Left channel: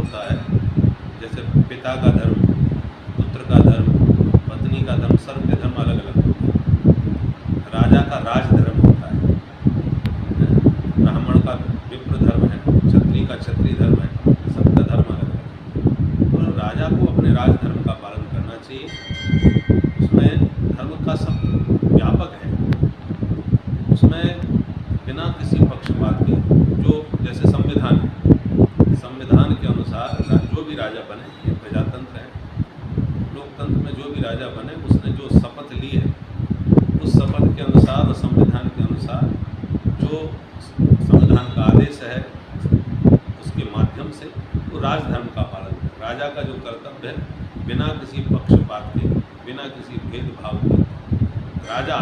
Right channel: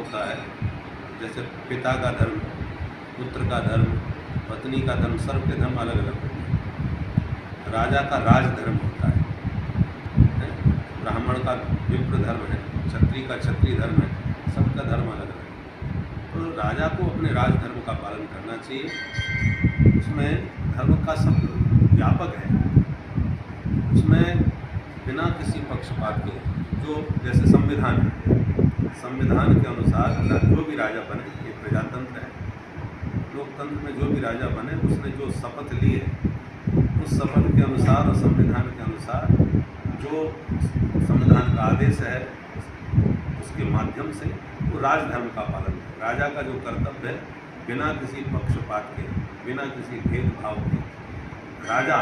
होता है, जैसे पिता का धर्म, पुत्र का धर्म, पत्नी का धर्म, सबके धर्म अलग अलग होते हैं। राजा का राजधर्म होता है, ब्राह्मण का विप्र धर्म है, क्षत्रिय का क्षत्रिय धर्म है, सबका धर्म अलग अलग है। तो राजा को अपने राजधर्म का पालन करना चाहिए। उसमें धर्म का सब व्यापक है, उसमें बिना किसी पक्षपात के, जो जैसे संविधान है, संविधान के अनुसार जो भी राजा बने, ये प्रजातंत्र है, लोकतंत्र में जो भी राजा बने उसने जो शपथ ली है उस शपथ के अनुसार और संविधान के अनुसार जो संविधान का आदेश है उसके माध्यम से वो राजधर्म का पालन करे। राजा का जो कर्तव्य है बिना किसी पक्षपात के, बिना किसी भेदभाव के, राजा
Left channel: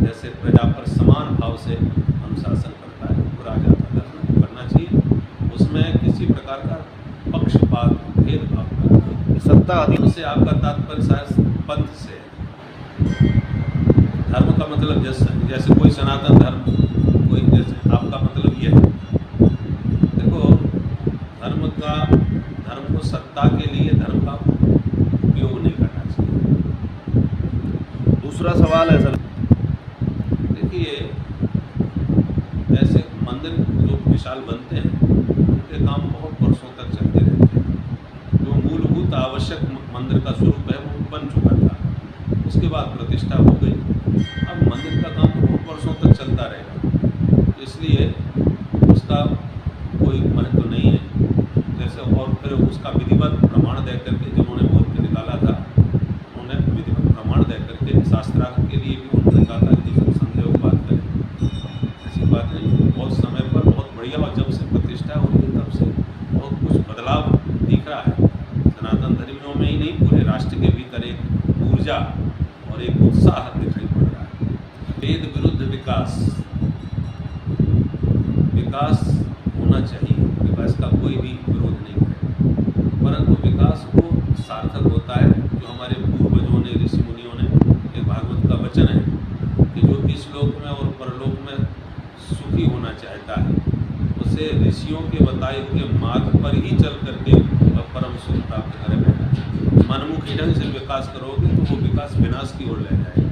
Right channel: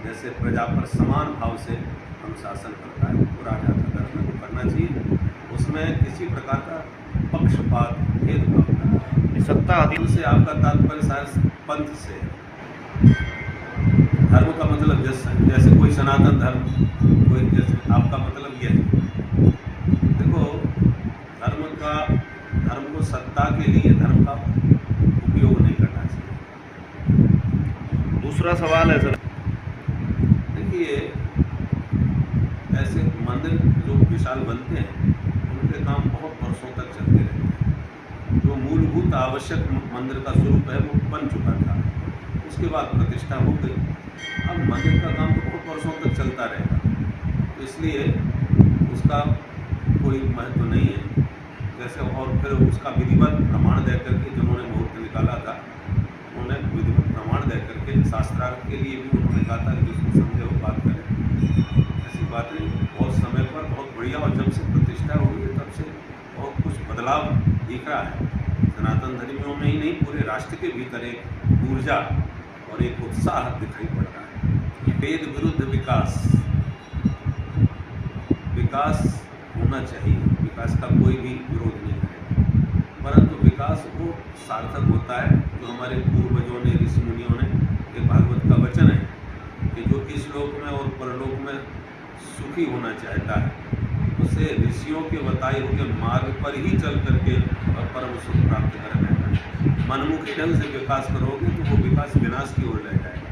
जैसे प्रजा पर समान भाव से अनुशासन करता है, तो राजा का धर्म करना चाहिए। उसमें किसी प्रकार का पक्षपात, भेदभाव न करें। सत्ता अधीन से आपका तात्पर्य शायद पंथ से है। धर्म का मतलब जैसे कोई सनातन धर्म, कोई जैसे आपका मतलब ये है। देखो, धर्म को सत्ता के लिए धर्म का उपयोग नहीं करना चाहिए। दूसरा सवाल है सर, देखिए, ऐसे मंदिर जो विशाल बनते हैं उनके काम बहुत वर्षों तक चलते रहते हैं। जो मूलभूत आवश्यक मंदिर का स्वरूप है वो बन चुका था, उसके बाद प्रतिष्ठा हो गई। अब मंदिर का काम तो बहुत वर्षों तक चलता रहेगा, इसलिए उसका कोई महत्व नहीं है। जैसे और फिर उसका विधिवत प्रमाण दे करके जिन्होंने मुहूर्त निकाला था, उन्होंने विधिवत प्रमाण दे करके शास्त्रार्थ के लिए भी उन्होंने कहा था कि उसको संदेह वो बात करें। ऐसी बात नहीं, बहुत समय पर बहुत बढ़िया, और जब से प्रतिष्ठा हुई है तब से बहुत कुछ बदलाव दिख रहा है। सनातन धर्मियों में ही नहीं, पूरे राष्ट्र के भीतर एक ऊर्जा और एक उत्साह दिखाई पड़ रहा है। वेद विरुद्ध विकास, विकास होना चाहिए, विकास का कोई भी विरोध नहीं है, परंतु विकास वो सार्थक होता है जो हमारे पूर्वजों ने, ऋषि मुनियों ने, एक भागवत का वचन है कि जो इस लोक में और परलोक में सुखी होना चाहता है उसे ऋषियों के बताए हुए मार्ग पर ही चल करके परम सुख प्राप्त कर बैठा है। मनमुखी ढंग से विकास करोगे तो वो विकास विनाश की ओर ले जाएगा।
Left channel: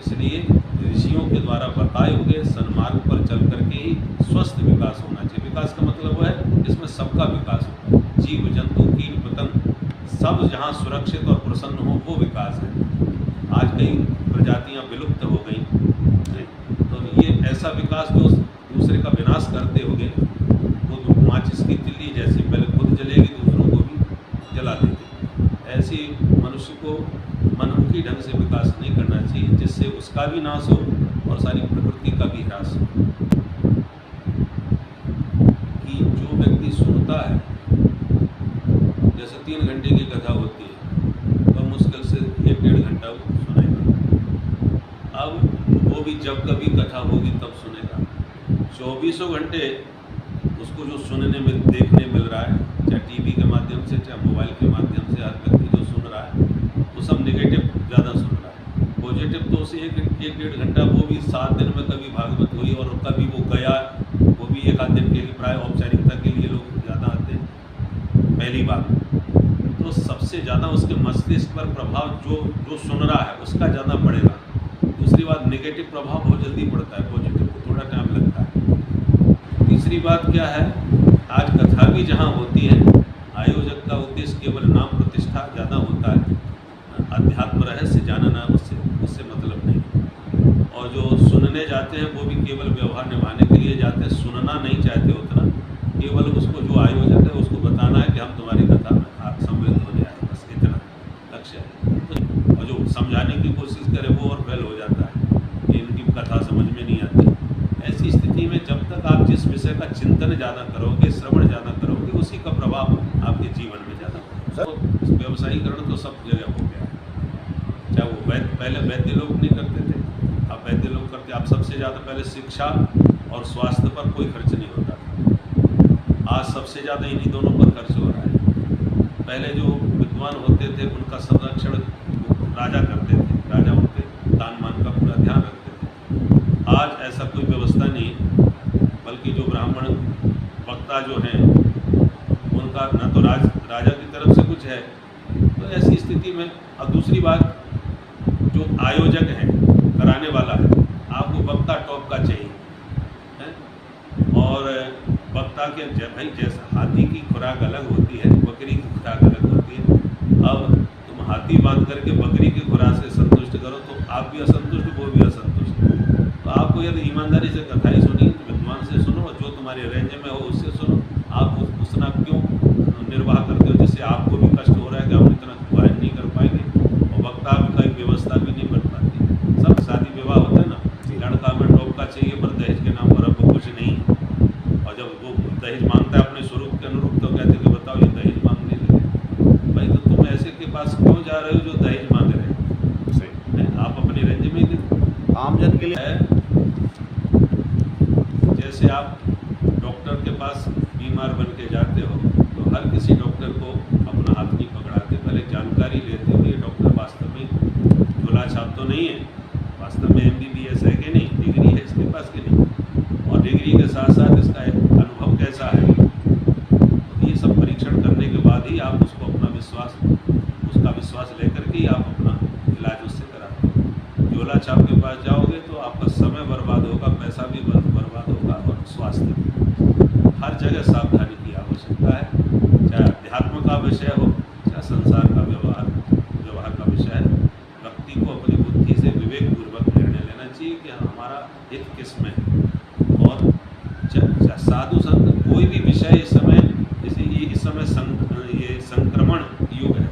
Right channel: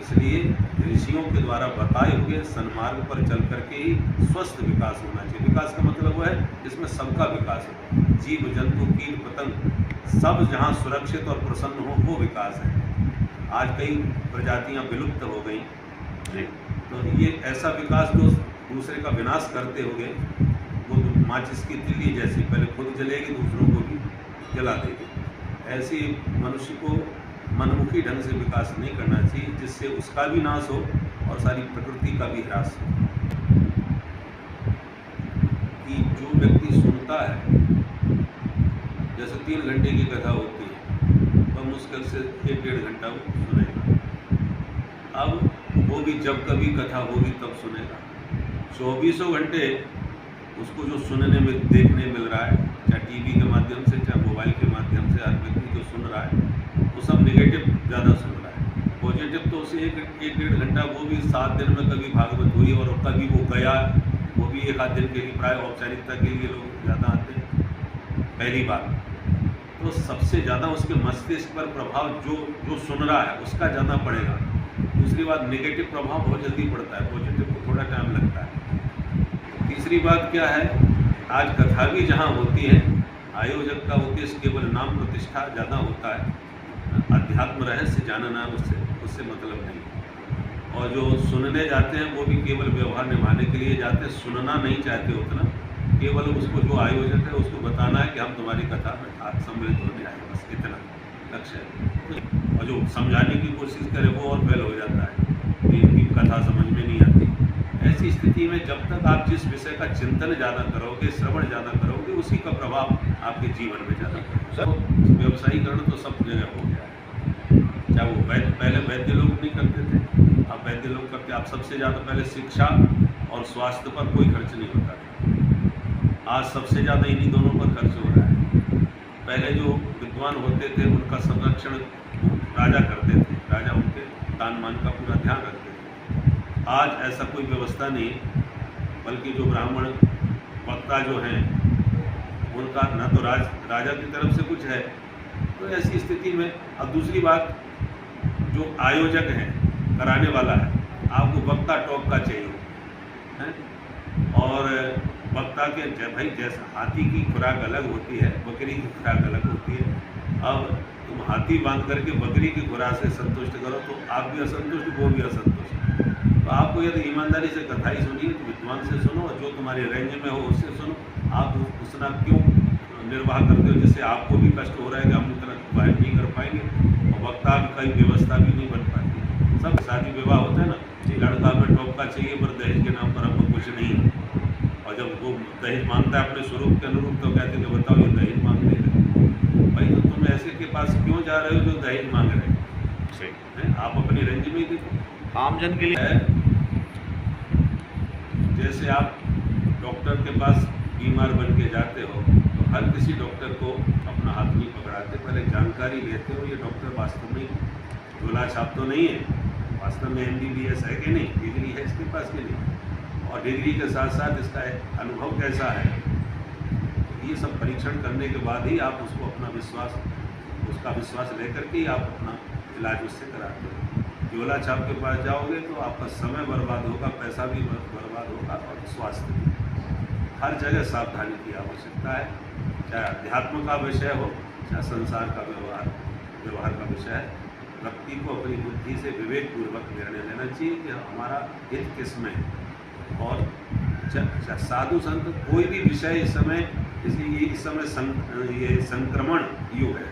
इसलिए ऋषियों के द्वारा बताए हुए सन्मार्ग पर चल करके ही स्वस्थ विकास होना चाहिए। विकास का मतलब वो है जिसमें सबका विकास हो, जीव जंतु कीट पतंग सब जहाँ सुरक्षित और प्रसन्न हो, वो विकास है। आज कई प्रजातियाँ विलुप्त हो गई, तो ये ऐसा विकास जो दूसरे का विनाश करते हुए वो माचिस की तिल्ली जैसी पहले खुद जलेगी दूसरों को भी जला देगी, ऐसी मनुष्य को मनमुखी ढंग से विकास नहीं करना चाहिए जिससे उसका भी नाश हो और सारी प्रकृति का भी ह्रास हो। कि जो व्यक्ति सुनता है, जैसे 3 घंटे की कथा होती है तो मुश्किल से 1-1.5 घंटा वो सुनेगा। अब वो भी जब कभी कथा होगी तब सुनेगा। 24 घंटे उसको जो सुनने में, देखने मिल रहा है, चाहे टीवी के माध्यम से, चाहे मोबाइल के माध्यम से, हर व्यक्ति जो सुन रहा है वो सब नेगेटिव ज़्यादा सुन रहा है। पॉजिटिव तो उसे 1-1.5 घंटा, वो भी 7 दिन में कभी भागवत हुई और कभी वो गया, वो भी 1 आध दिन के लिए, प्राय औपचारिकता के लिए लोग ज़्यादा आते हैं। पहली बात तो सबसे ज़्यादा उसके मस्तिष्क पर प्रभाव जो सुन रहा है उसका ज़्यादा पड़ेगा। दूसरी बात, नेगेटिव प्रभाव बहुत जल्दी पड़ता है, पॉजिटिव को थोड़ा टाइम लगता है। तीसरी बात क्या है, आज कथा भी जहाँ होती है, आयोजक का उद्देश्य केवल नाम प्रतिष्ठा ज़्यादा होता है, अध्यात्म रहस्य जानना उससे मतलब नहीं। और जो सुनने जाते हैं वो भी केवल व्यवहार निभाने के लिए जाते हैं, सुनना नहीं चाहते उतना, केवल उसको जो आयोजक है उसको बताना है कि हम तुम्हारी कथा में सम्मिलित होने आए, बस इतना लक्ष्य है। और जो समझाने की कोशिश करे वो और फेल हो जाता है कि इनकी कथा समझ में नहीं आती। ऐसी स्थिति में जब तक आप जिस विषय का चिंतन ज़्यादा करोगे, श्रवण ज़्यादा करोगे, उसी का प्रभाव आपके जीवन में ज़्यादा पड़ेगा। तो व्यवसायीकरण तो सब जगह हो गया है, चाहे वो पहले वैद्य लोग नहीं करते थे, अब वैद्य लोग करते। अब सबसे ज़्यादा पहले शिक्षा और स्वास्थ्य पर कोई खर्च नहीं होता था, आज सबसे ज़्यादा इन्हीं दोनों पर खर्च हो रहा है। पहले जो विद्वान होते थे उनका संरक्षण राजा करते थे, राजा उनके दान मान का पूरा ध्यान रखते थे। आज ऐसा कोई व्यवस्था नहीं, बल्कि जो ब्राह्मण वक्ता जो हैं उनका न तो राजा की तरफ से कुछ है। तो ऐसी स्थिति में अब दूसरी बात, जो आयोजक है, कराने वाला है, आपको वक्ता टॉप का चाहिए है। और वक्ता के भाई जैसा हाथी की खुराक अलग होती है, बकरी की खुराक अलग होती है। अब तुम हाथी बांध करके बकरी की खुराक से संतुष्ट करो तो आप भी असंतुष्ट, वो भी असंतुष्ट। तो आपको यदि ईमानदारी से कथाई सुनिए तो विद्वान से सुनो, और जो तुम्हारे रेंज में हो उससे सुनो। आप उतना क्यों निर्वाह करते हो जिससे आपको भी कष्ट हो रहा है कि हम इतना गायन नहीं कर पाएंगे, और वक्ता की व्यवस्था भी नहीं बन पाती। सब शादी विवाह होता है ना, लड़का में टॉप का चाहिए पर दहेज के नाम पर हमको कुछ नहीं है। और जब वो दहेज मांगता है अपने स्वरूप के अनुरूप तो कहते तो बताओ ये दहेज मांगने लगे। भाई तो तुम ऐसे के पास क्यों जा रहे हो जो दहेज मांग रहे हैं? आप अपनी रेंज में ही आमजन के लिए है। जैसे आप डॉक्टर के पास बीमार बन के जाते हो तो हर किसी डॉक्टर को अपना हाथ नहीं पकड़ाते, पहले जानकारी लेते हो ये डॉक्टर वास्तव में गोला छाप तो नहीं है, वास्तव में MBBS है कि नहीं, डिग्री है इसके पास कि नहीं, और डिग्री के साथ साथ इसका अनुभव कैसा है। तो ये सब परीक्षण करने के बाद ही आप उसको अपना उसका विश्वास लेकर के आप अपना इलाज उससे कराते हो। गोला छाप के पास जाओगे तो आपका समय बर्बाद होगा, पैसा भी बर्बाद होगा, और स्वास्थ्य भी। हर जगह सावधानी की आवश्यकता है, चाहे अध्यात्म का विषय हो, चाहे संसार का व्यवहार का विषय है। व्यक्ति को अपनी बुद्धि से विवेकपूर्वक निर्णय लेना चाहिए कि हमारा हित किस में है। और साधु संत कोई भी विषय इस समय, इस समय ये संक्रमण युग है,